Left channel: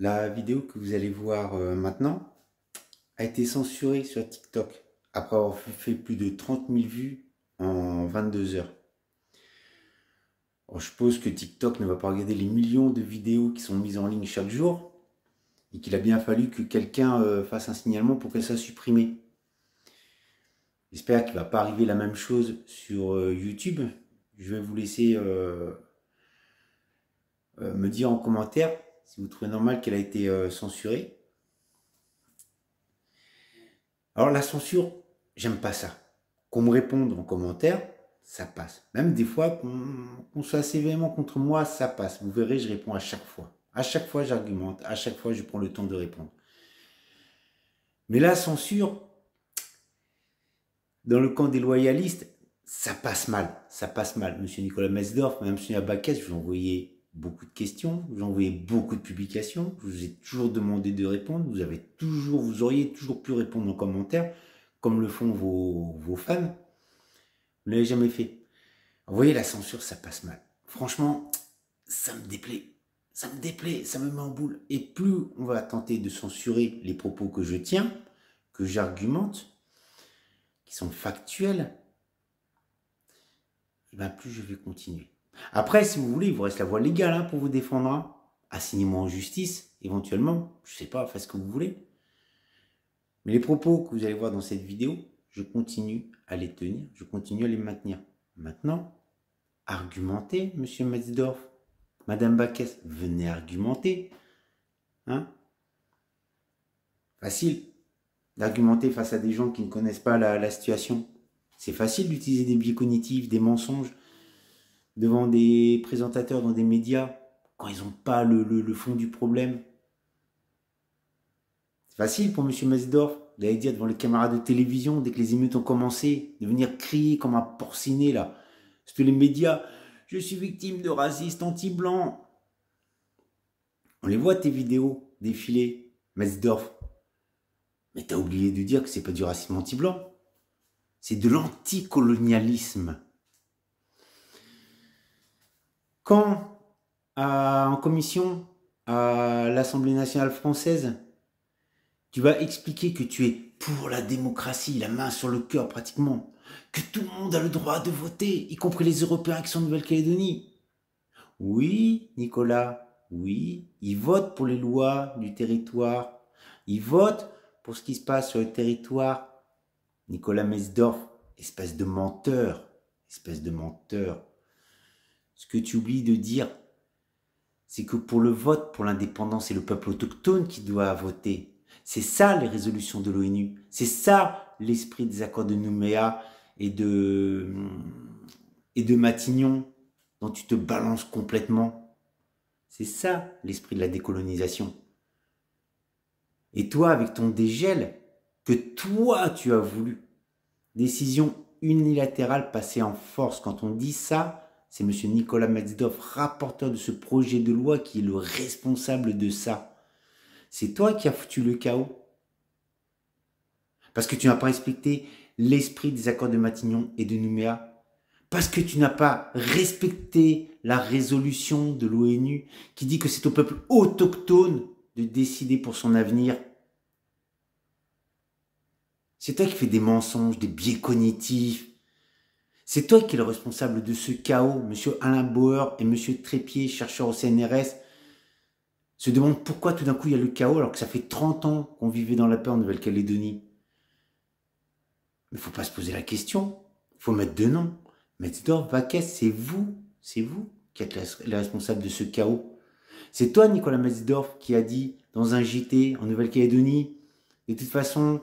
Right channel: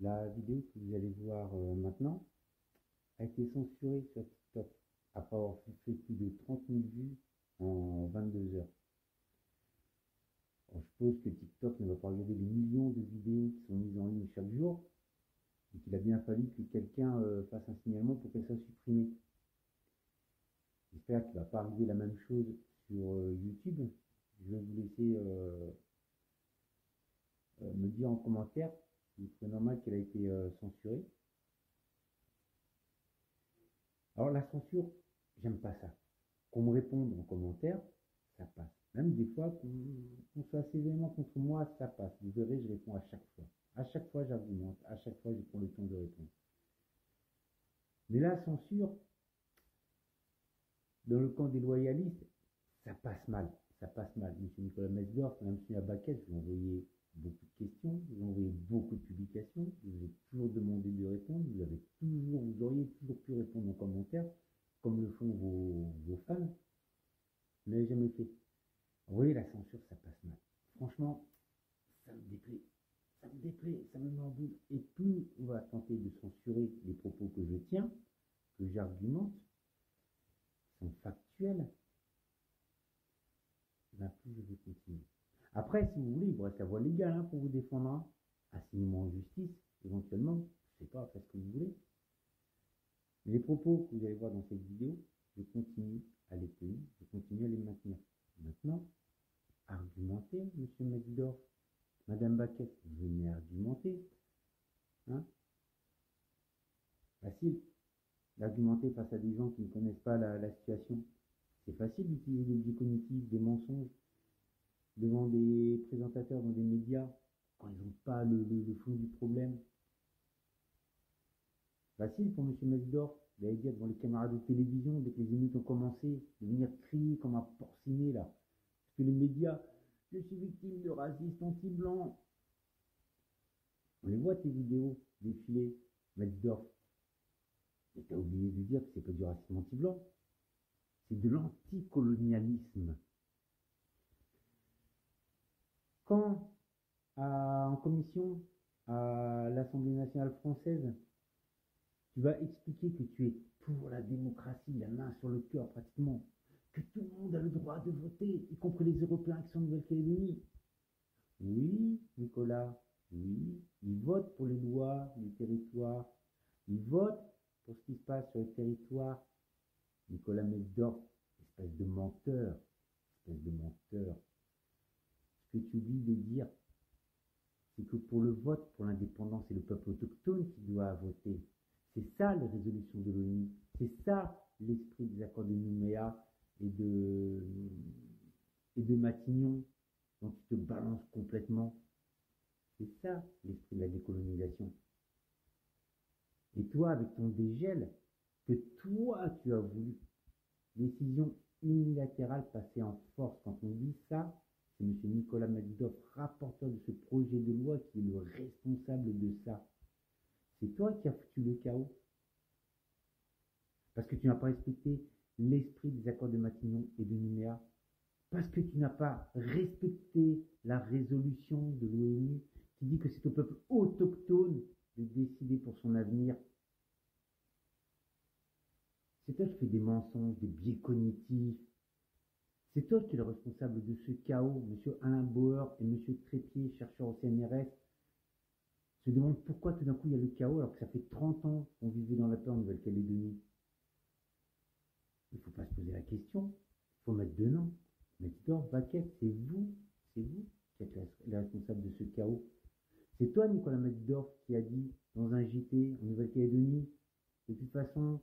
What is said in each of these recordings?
La vidéo que vous allez voir maintenant a été censurée sur TikTok après avoir fait plus de 30 000 vues en 22 heures. Alors, je suppose que TikTok ne va pas regarder les millions de vidéos qui sont mises en ligne chaque jour et qu'il a bien fallu que quelqu'un fasse un signalement pour qu'elle soit supprimée. J'espère qu'il ne va pas arriver la même chose sur YouTube. Je vais vous laisser me dire en commentaire si vous trouvez normal qu'elle a été censurée. Alors la censure, j'aime pas ça. Qu'on me réponde en commentaire, ça passe. Même des fois qu'on soit assez véhément contre moi, ça passe. Vous verrez, je réponds à chaque fois. À chaque fois, j'argumente. À chaque fois, je prends le temps de répondre. Mais la censure, dans le camp des loyalistes, ça passe mal. Ça passe mal. Monsieur Nicolas Mesdorf, même Monsieur Abakès, je vous ai envoyé beaucoup de questions, je vous ai envoyé beaucoup de publications, je vous ai toujours demandé de répondre, vous auriez toujours pu répondre en commentaire, comme le font vos fans. Vous ne l'avez jamais fait. Vous voyez, la censure, ça passe mal. Franchement, ça me déplaît. Ça me déplaît, ça me met en boule. Et plus on va tenter de censurer les propos que je tiens, que j'argumente, qui sont factuels, et bien plus je vais continuer. Après, si vous voulez, il vous reste la voie légale hein, pour vous défendre. Hein. Assignez-moi en justice, éventuellement. Je ne sais pas, faites ce que vous voulez. Mais les propos que vous allez voir dans cette vidéo, je continue à les tenir, je continue à les maintenir. Maintenant, argumentez, monsieur Metzdorf. Madame Bakès, venez argumenter. Hein? Facile d'argumenter face à des gens qui ne connaissent pas la situation. C'est facile d'utiliser des biais cognitifs, des mensonges devant des présentateurs dans des médias quand ils n'ont pas le fond du problème. C'est facile pour monsieur Metzdorf d'aller dire devant les caméras de télévision, dès que les émeutes ont commencé, de venir crier comme un porciné là. Sur les médias, je suis victime de racistes anti-blancs. On les voit tes vidéos défiler, Metzdorf. Mais t'as oublié de dire que c'est pas du racisme anti-blanc. C'est de l'anticolonialisme. Quand, en commission, à l'Assemblée nationale française, tu vas expliquer que tu es pour la démocratie, la main sur le cœur pratiquement, que tout le monde a le droit de voter, y compris les Européens qui sont en Nouvelle-Calédonie. Oui, Nicolas, oui, ils votent pour les lois du territoire. Ils votent pour ce qui se passe sur le territoire. Nicolas Mesdorf, espèce de menteur, espèce de menteur. Ce que tu oublies de dire, c'est que pour le vote pour l'indépendance, c'est le peuple autochtone qui doit voter. C'est ça les résolutions de l'ONU. C'est ça l'esprit des accords de Nouméa et de Matignon, dont tu te balances complètement. C'est ça l'esprit de la décolonisation. Et toi, avec ton dégel, que toi tu as voulu, décision unilatérale passée en force, quand on dit ça, c'est M. Nicolas Metzdorf, rapporteur de ce projet de loi, qui est le responsable de ça. C'est toi qui as foutu le chaos. Parce que tu n'as pas respecté l'esprit des accords de Matignon et de Nouméa. Parce que tu n'as pas respecté la résolution de l'ONU qui dit que c'est au peuple autochtone de décider pour son avenir. C'est toi qui fais des mensonges, des biais cognitifs. C'est toi qui es le responsable de ce chaos. Monsieur Alain Bauer et monsieur Trépied, chercheurs au CNRS, se demandent pourquoi tout d'un coup il y a le chaos alors que ça fait 30 ans qu'on vivait dans la paix en Nouvelle-Calédonie. Mais il ne faut pas se poser la question. Il faut mettre deux noms. Metzdorf, Bakès, c'est vous qui êtes les responsables de ce chaos. C'est toi, Nicolas Metzdorf, qui a dit dans un JT en Nouvelle-Calédonie, de toute façon,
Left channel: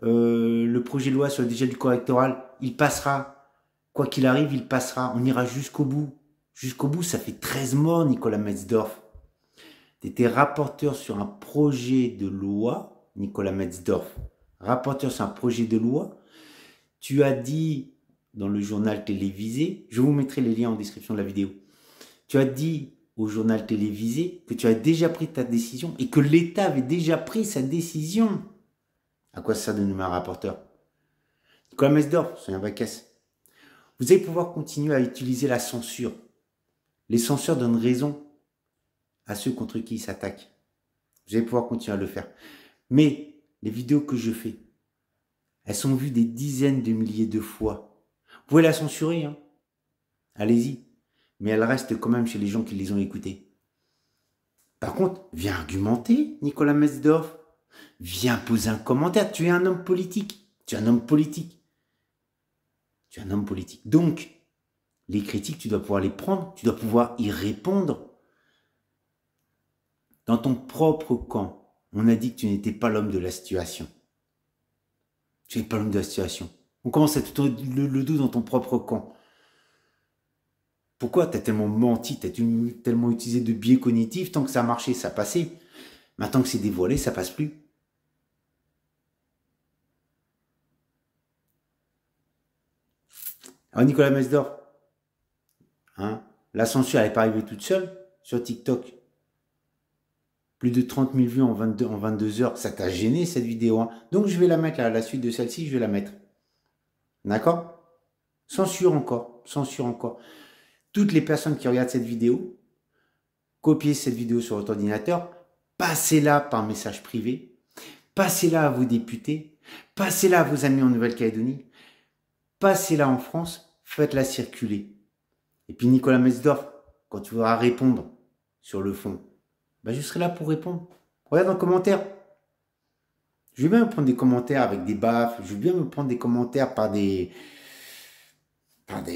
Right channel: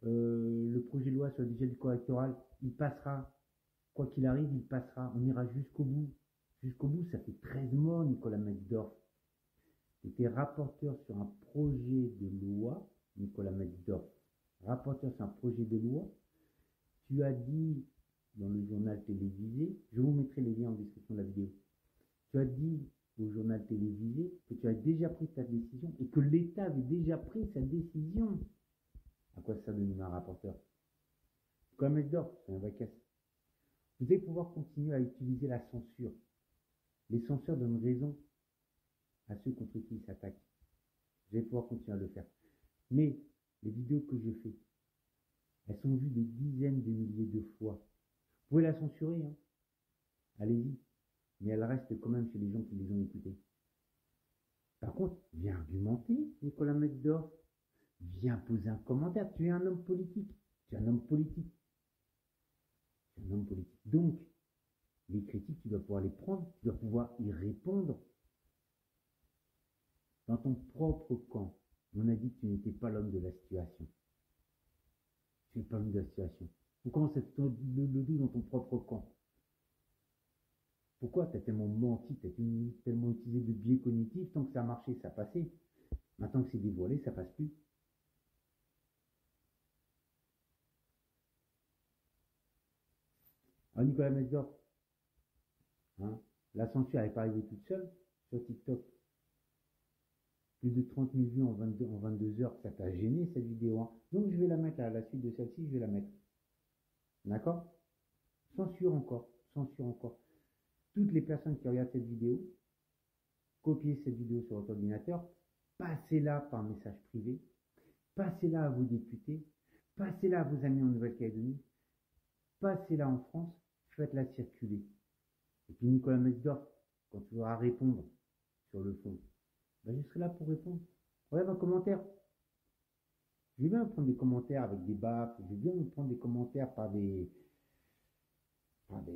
le projet de loi sur le dégel du corps électoral, il passera. Quoi qu'il arrive, il passera. On ira jusqu'au bout. Jusqu'au bout, ça fait 13 morts, Nicolas Metzdorf. Tu étais rapporteur sur un projet de loi, Nicolas Metzdorf. Rapporteur sur un projet de loi. Tu as dit dans le journal télévisé, je vous mettrai les liens en description de la vidéo, tu as dit au journal télévisé que tu as déjà pris ta décision et que l'État avait déjà pris sa décision. À quoi ça de nommer un rapporteur? Nicolas Metzdorf, soyez un Bakès. Vous allez pouvoir continuer à utiliser la censure. Les censeurs donnent raison à ceux contre qui ils s'attaquent. Vous allez pouvoir continuer à le faire. Mais les vidéos que je fais, elles sont vues des dizaines de milliers de fois. Vous pouvez la censurer, hein. Allez-y. Mais elle reste quand même chez les gens qui les ont écoutées. Par contre, viens argumenter, Nicolas Metzdorf. Viens poser un commentaire. Tu es un homme politique. Tu es un homme politique. Tu es un homme politique. Donc, les critiques, tu dois pouvoir les prendre. Tu dois pouvoir y répondre. Dans ton propre camp, on a dit que tu n'étais pas l'homme de la situation. Tu n'es pas l'homme de la situation. On commence à te tourner le dos dans ton propre camp. Pourquoi tu as tellement menti, tu as tellement utilisé de biais cognitifs? Tant que ça marchait, ça passait. Maintenant que c'est dévoilé, ça passe plus. Alors Nicolas Metzdorf, hein, la censure, elle n'est pas arrivée toute seule sur TikTok. Plus de 30 000 vues en 22 heures, ça t'a gêné cette vidéo, hein. Donc je vais la mettre là, la suite de celle-ci, je vais la mettre. D'accord? Censure encore, censure encore. Toutes les personnes qui regardent cette vidéo, copiez cette vidéo sur votre ordinateur, passez-la par message privé, passez-la à vos députés, passez-la à vos amis en Nouvelle-Calédonie, passez-la en France, faites-la circuler. Et puis Nicolas Metzdorf, quand tu voudras répondre sur le fond, ben je serai là pour répondre. Regarde dans les commentaires. Je vais bien me prendre des commentaires avec des baffes, je vais bien me prendre des commentaires par des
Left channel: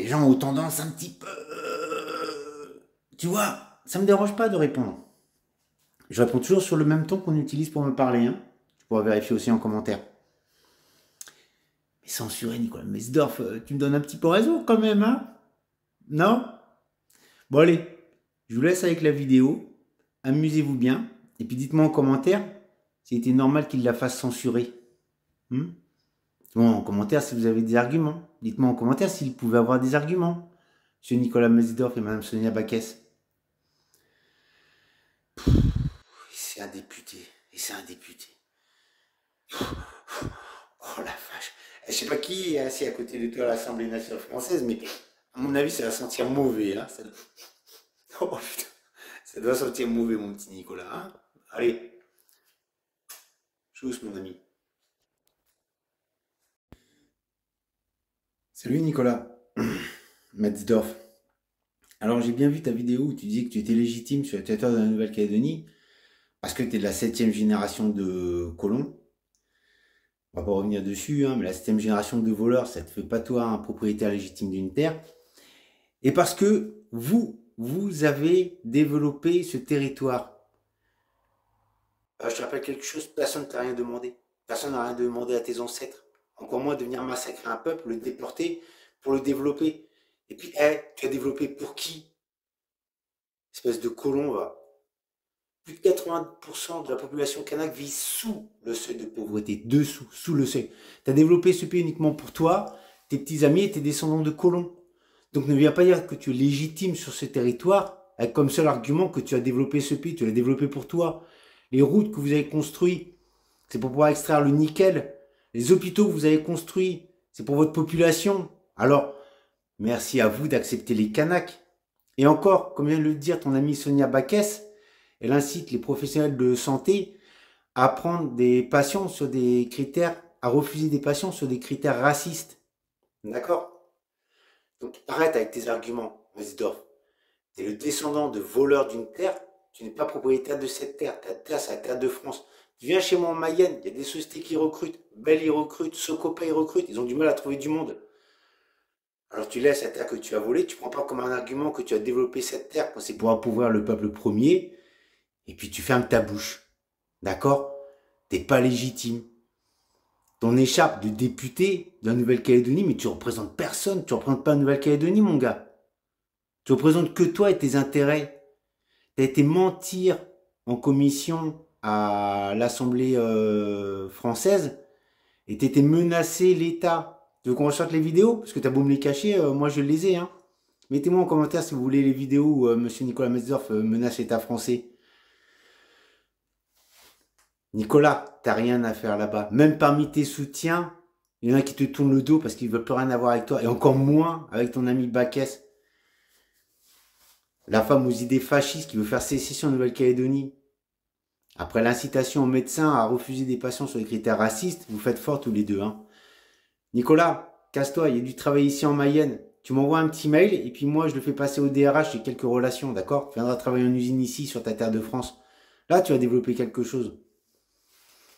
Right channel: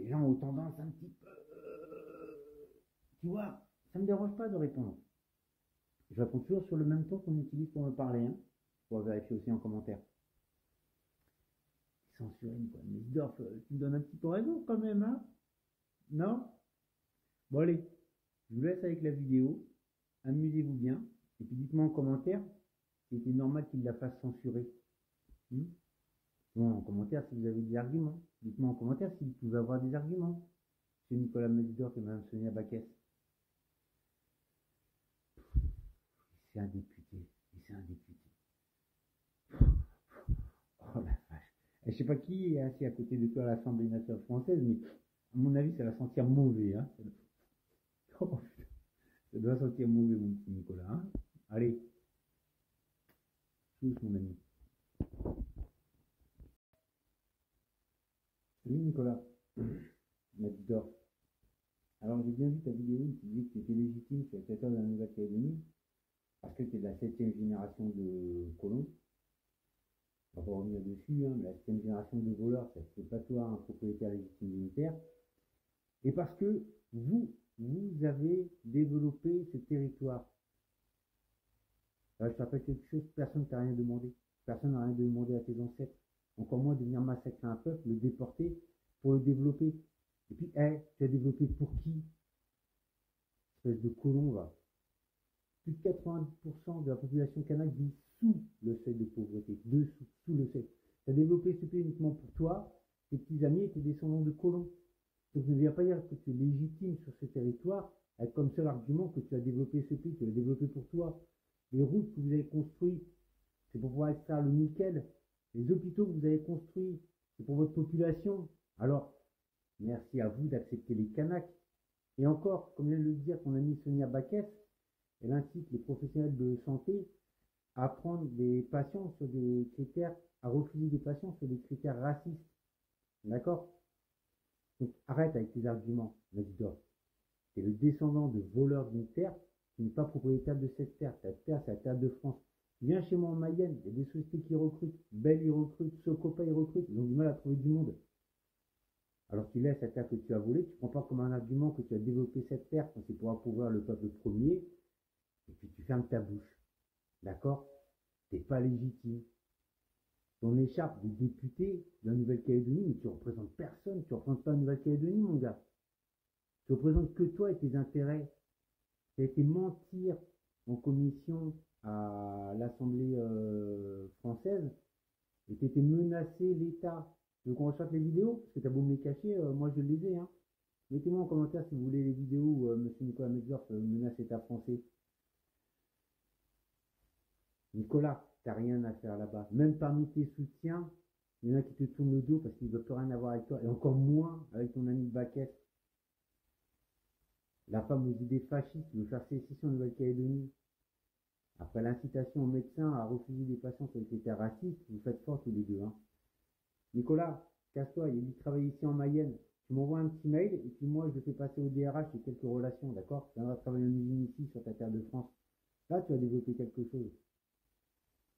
gens aux tendances un petit peu... Tu vois, ça ne me dérange pas de répondre. Je réponds toujours sur le même ton qu'on utilise pour me parler, hein. Tu pourras vérifier aussi en commentaire. Mais censurer Nicolas Metzdorf, tu me donnes un petit peu raison quand même, hein? Non? Bon allez, je vous laisse avec la vidéo. Amusez-vous bien. Et puis dites-moi en commentaire s'il était normal qu'il la fasse censurer. Bon, en commentaire si vous avez des arguments. Dites-moi en commentaire s'il pouvait avoir des arguments. Monsieur Nicolas Metzdorf et Madame Sonia Backès. C'est un député. Et c'est un député. Oh la vache. Je sais pas qui est assis à côté de toi à l'Assemblée nationale française, mais à mon avis, ça va sentir mauvais. Hein. Oh putain. Ça doit sentir mauvais, mon petit Nicolas. Hein. Allez. Chousse, mon ami. Salut Nicolas. Metzdorf. Alors j'ai bien vu ta vidéo où tu disais que tu étais légitime sur le territoire de la Nouvelle-Calédonie parce que tu es de la 7e génération de colons. On va pas revenir dessus, hein, mais la 7e génération de voleurs, ça ne te fait pas toi un propriétaire légitime d'une terre. Et parce que vous avez développé ce territoire. Je te rappelle quelque chose, personne ne t'a rien demandé. Personne n'a rien demandé à tes ancêtres. Encore moins de venir massacrer un peuple, le déporter pour le développer. Et puis, tu as développé pour qui? Espèce de colon, va. Plus de 80% de la population kanak vit sous le seuil de pauvreté. Dessous, sous le seuil. Tu as développé ce pays uniquement pour toi, tes petits amis et tes descendants de colons. Donc ne viens pas dire que tu es légitime sur ce territoire avec comme seul argument que tu as développé ce pays. Tu l'as développé pour toi. Les routes que vous avez construites, c'est pour pouvoir extraire le nickel. Les hôpitaux que vous avez construits, c'est pour votre population. Alors, merci à vous d'accepter les Kanaks. Et encore, comme vient de le dire ton amie Sonia Backès, elle incite les professionnels de santé à prendre des patients sur des critères, à refuser des patients sur des critères racistes. D'accord? Donc arrête avec tes arguments, Metzdorf. Tu es le descendant de voleurs d'une terre, tu n'es pas propriétaire de cette terre. Ta terre, c'est la terre de France. Tu viens chez moi en Mayenne, il y a des sociétés qui recrutent. Bell, ils recrutent. Socopa, ils recrutent. Ils ont du mal à trouver du monde. Alors tu laisses la terre que tu as volée, tu ne prends pas comme un argument que tu as développé cette terre, c'est pour appauvrir le peuple premier, et puis tu fermes ta bouche. D'accord? Tu n'es pas légitime. Ton écharpe de député de la Nouvelle-Calédonie, mais tu ne représentes personne, tu ne représentes pas la Nouvelle-Calédonie, mon gars. Tu ne représentes que toi et tes intérêts. Tu as été mentir en commission à l'Assemblée française et tu étais menacé l'État. Tu veux qu'on ressorte les vidéos? Parce que tu as beau me les cacher, moi je les ai. Hein. Mettez-moi en commentaire si vous voulez les vidéos où M. Nicolas Metzdorf menace l'État français. Nicolas, t'as rien à faire là-bas. Même parmi tes soutiens, il y en a qui te tournent le dos parce qu'ils ne veulent plus rien avoir avec toi. Et encore moins avec ton ami Backès. La femme aux idées fascistes qui veut faire sécession en Nouvelle-Calédonie. Après l'incitation aux médecins à refuser des patients sur des critères racistes, vous faites fort tous les deux. Hein. Nicolas, casse-toi, il y a du travail ici en Mayenne. Tu m'envoies un petit mail et puis moi je le fais passer au DRH, j'ai quelques relations, d'accord? Tu viendras travailler en usine ici sur ta terre de France. Là, tu vas développer quelque chose.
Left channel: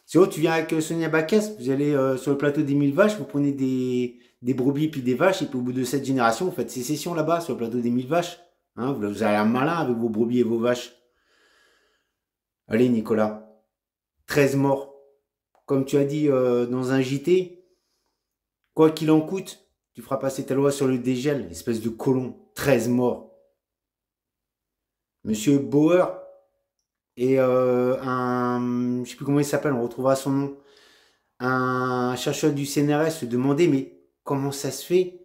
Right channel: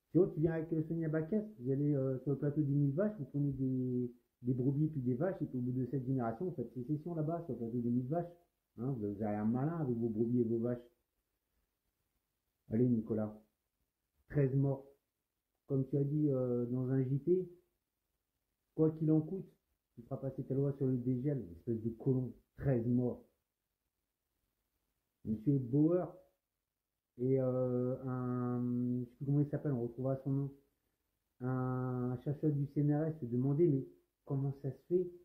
Sinon, tu viens avec Sonia Baquès, vous allez sur le plateau des 1000 vaches, vous prenez des brebis puis des vaches, et puis au bout de cette génération, vous faites sécession là-bas sur le plateau des 1000 vaches. Hein, vous avez un malin avec vos brebis et vos vaches. Allez, Nicolas, 13 morts. Comme tu as dit dans un JT, quoi qu'il en coûte, tu feras passer ta loi sur le dégel, espèce de colon. 13 morts. Monsieur Bauer et un. Je ne sais plus comment il s'appelle, on retrouvera son nom. Un chercheur du CNRS se demandait mais comment ça se fait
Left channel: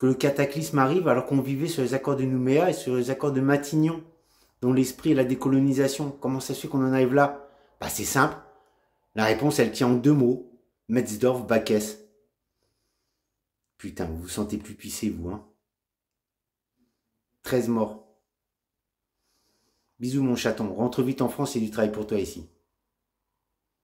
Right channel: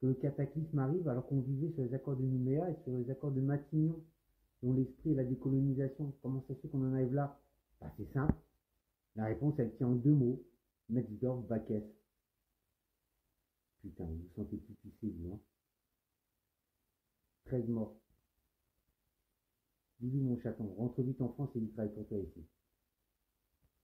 que le cataclysme arrive alors qu'on vivait sur les accords de Nouméa et sur les accords de Matignon, dont l'esprit est la décolonisation. Comment ça se fait qu'on en arrive là? Bah c'est simple. La réponse elle tient en deux mots. Metzdorf, Baquès. Putain, vous vous sentez plus pissé vous, hein. 13 morts. Bisous mon chaton, rentre vite en France, il y a du travail pour toi ici.